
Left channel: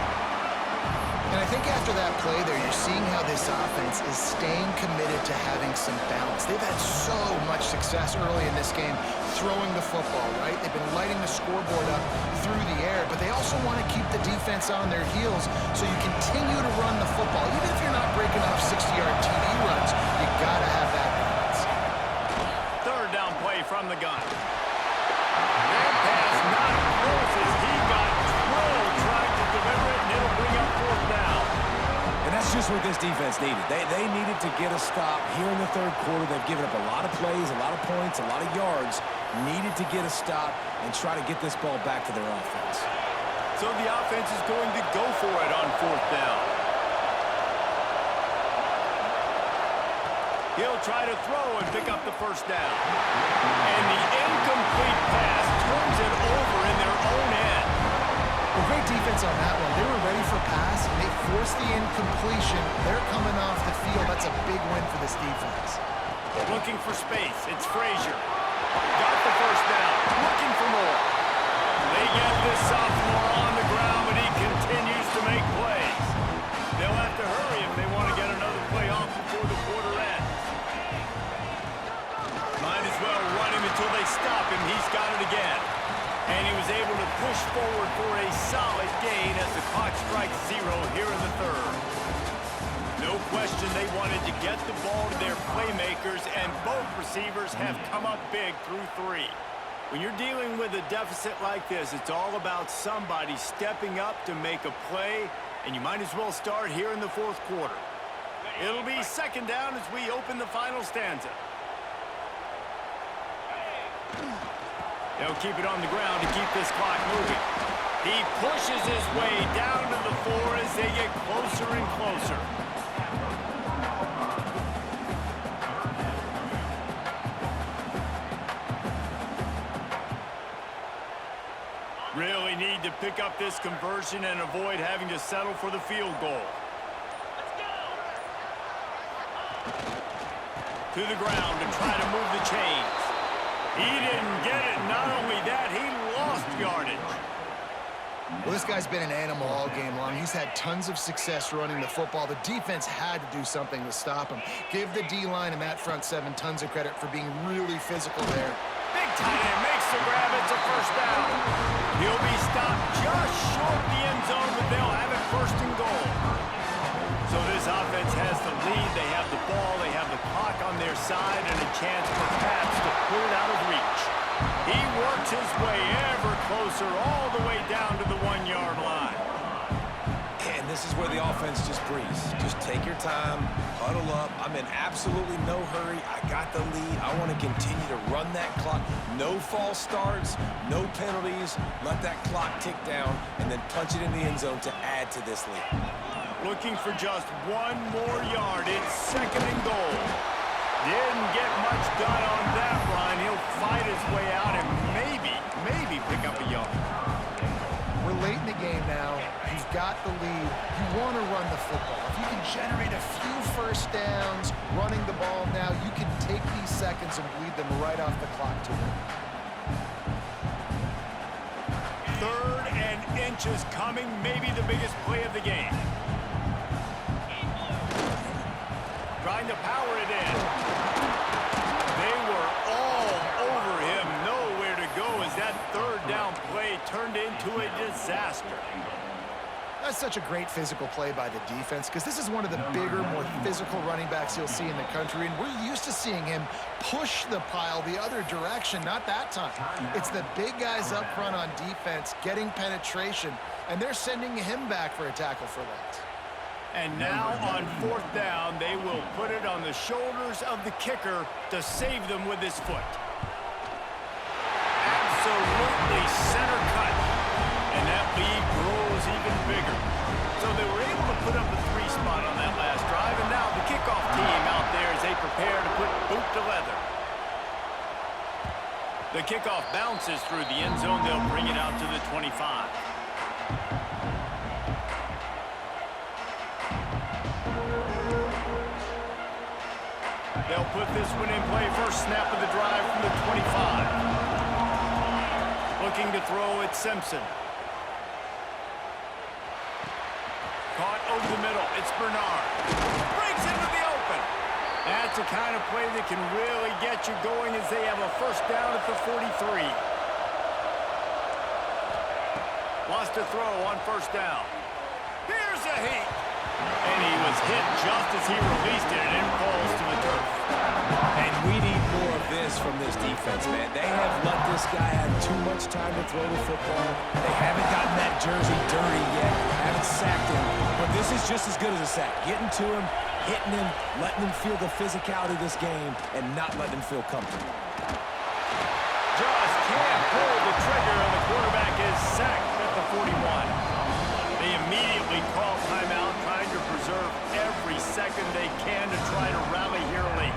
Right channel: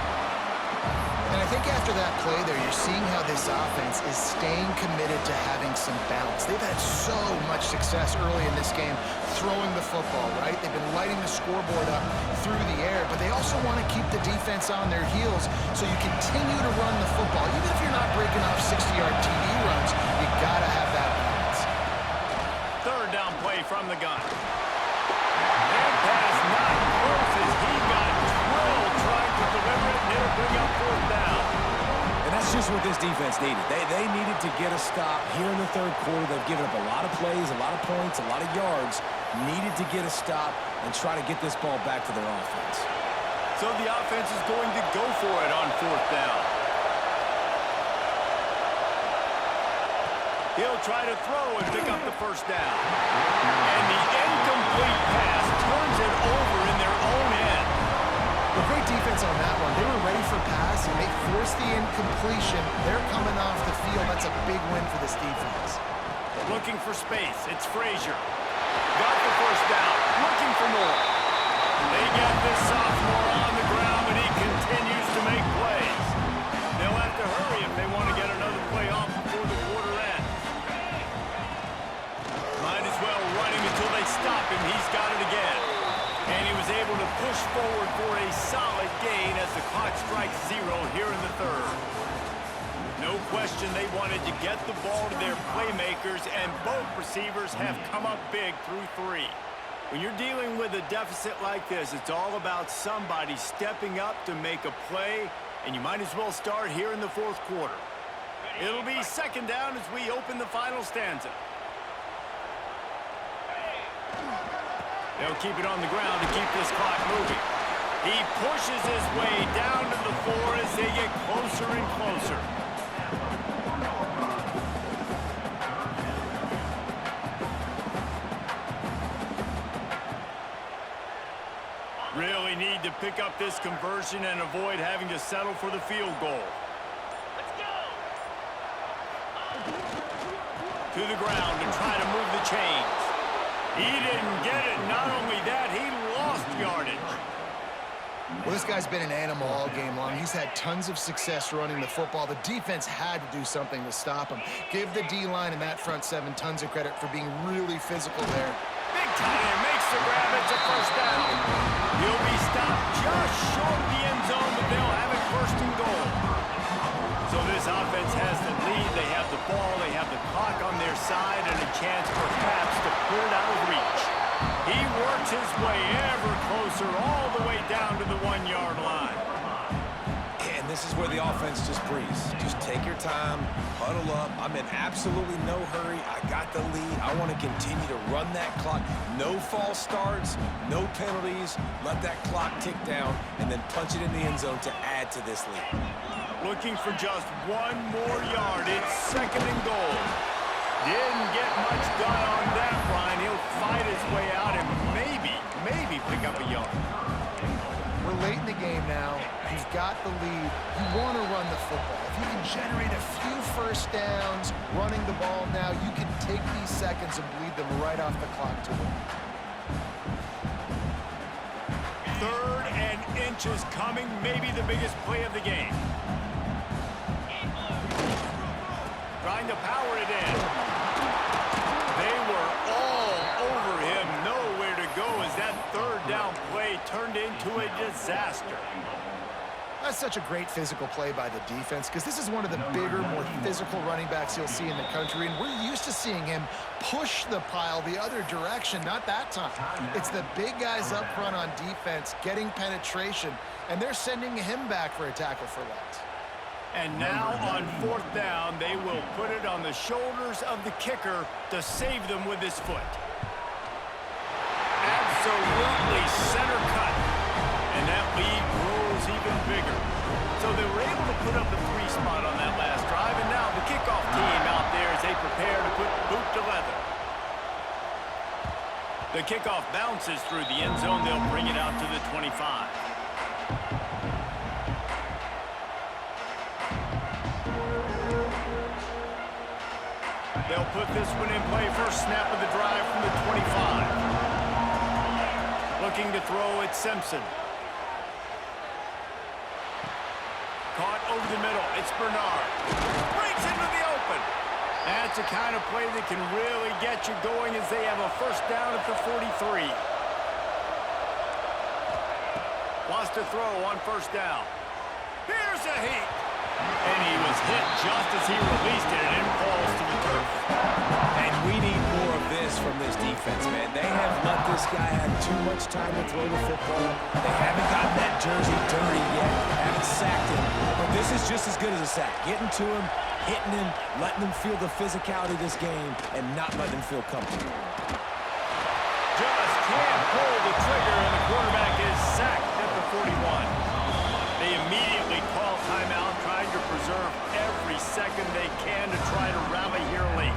And I think after that play there, you're seeing how this offense is staying committed to having some balance. They've had so much success early in this game throwing the football, right? They've been lighting the scoreboard up through the air, but they also want to keep the defense on their heels so you continue to run the football. Even if you're not breaking off 60-yard TD runs, you got to have that balance. Third down play from the gun. That pass not close as he got drilled trying to deliver it, and it'll bring up fourth down. And that's just what this defense needed. They needed to get a stop here in the third quarter. They've given up a lot of plays, a lot of points, a lot of yards. Needed to get a stop and try to get this ball back to their offense. So the offense is going to go for it on fourth down. He'll try to throw and pick up the first down. And the incomplete pass turns it over in their own end. Well, great defense on that one. They were ready for pass, and they forced the incompletion. They're coming off the field. That's a big win for this defense. Looking for space. It's Frazier. Got the first down. Looking for more. They get this sophomore on the ground, but he continues to make plays. They'll have to hurry if they want to get another play off before the quarter ends. Might as well run him until they stop him. He's got it again. And he was able to push forward for a solid gain as the clock strikes 0 here in the third. No question they wanted to get the ball to their playmakers, and both receivers have come up big through 3. When you're dealing with a deficit like this, it's all about somebody stepping up to make a play, and you might as well start here in the fourth quarter. It'll be second down as we open the final stanza. They'll keep it on the ground to keep this clock moving. He pushes his way down to the 4 as they get closer and closer. Really need to pick up this conversion and avoid having to settle for the field goal. Let's go! To the ground to try to move the chains. He didn't get it. Not only that, he lost yardage. Well, this guy's been an animal all game long. He's had tons of success running the football. The defense had to do something to stop him. Give the D-line and that front 7 tons of credit for being really physical there. Big tight end makes the grab. It's a first down. He'll be stopped just short of the end zone, but they'll have it first and goal. So this offense has the lead. They have the ball. They have the clock on their side and a chance perhaps to put it out of reach. He works his way ever closer all the way down to the 1-yard line. And this is where the offense just breathes. Just take your time, huddle up. I'm in absolutely no hurry. I got the lead. I want to continue to run that clock. No false starts, no penalties. Let that clock tick down and then punch it in the end zone to add to this lead. Looking for just 1 more yard. It's second and goal. Didn't get much done on that run. He'll fight his way out and maybe pick up a yard. We're late in the game now. You've got the lead. You want to run the football. If you can generate a few first downs running the ball now, you can take these seconds and bleed them right off the clock to win. 3rd and inches coming, maybe the biggest play of the game. Trying to power it in. They were all over him. Nowhere to go as that 3rd down play turned into a disaster. That's such a great physical play by the defense because this is one of the bigger, more physical running backs you'll see in the country, and we're used to seeing him push the pile the other direction. Not that time. It's the big guys up front on defense getting penetration, and they're sending him back for a tackle for loss. And now on 4th down, they will put it on the shoulders of the kicker to save them with his foot. Absolutely center cut. And that lead grows even bigger. So they were able to put up a 3 spot on that last drive, and now the kickoff team out there as they prepare to put boot to leather. The kickoff bounces through the end zone. They'll bring it out to the 25. They'll put this one in play. First snap of the drive from the 25. Looking to throw it, Simpson. Caught over the middle. It's Bernard. Breaks into the open. That's the kind of play that can really get you going as they have a first down at the 43. Wants to throw on first down. Here's a heat. And he was hit just as he released it, and it falls to the turf. And we need more of this from this defense, man. They have let this guy have too much time to throw the football. They haven't gotten that jersey dirty yet, haven't sacked him. But this is just as good as a sack. Getting to him, hitting him, letting them feel the physicality of this game, and not letting them feel comfortable. Just can't pull the trigger, and the quarterback is sacked at the 41. They immediately call timeout, trying to preserve every second they can to try to rally here late.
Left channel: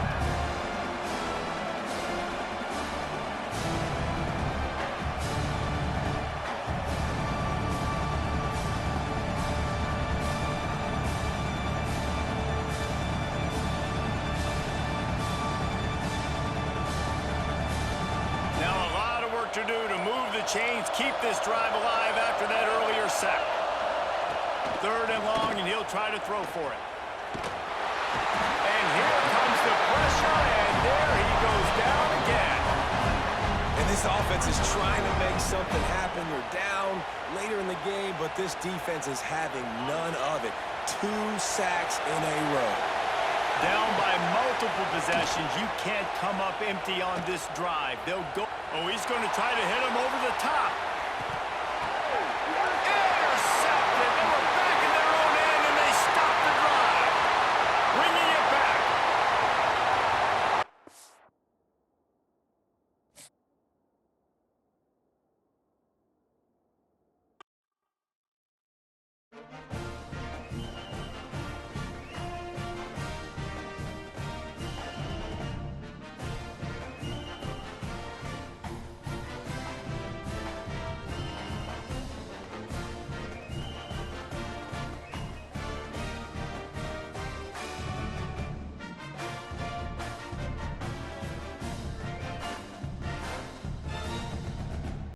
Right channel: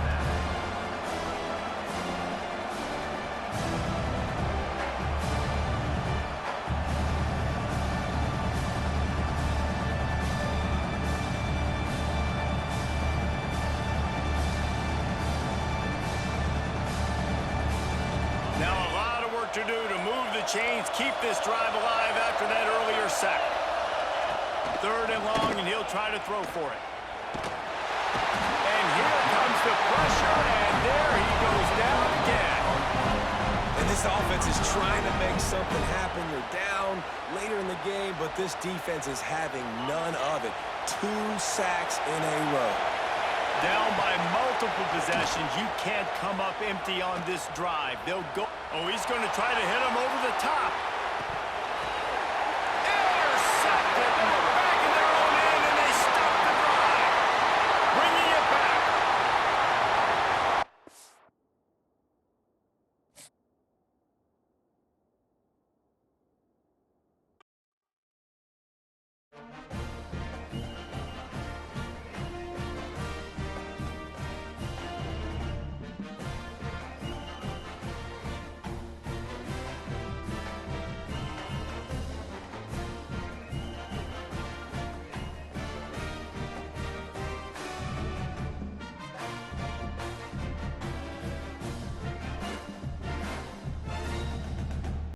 Now a lot of work to do to move the chains, keep this drive alive after that earlier sack. 3rd and long, and he'll try to throw for it. And here comes the pressure, and there he goes down again. And this offense is trying to make something happen. You're down later in the game, but this defense is having none of it. 2 sacks in a row. Down by multiple possessions. You can't come up empty on this drive. They'll go. Oh, he's going to try to hit him over the top.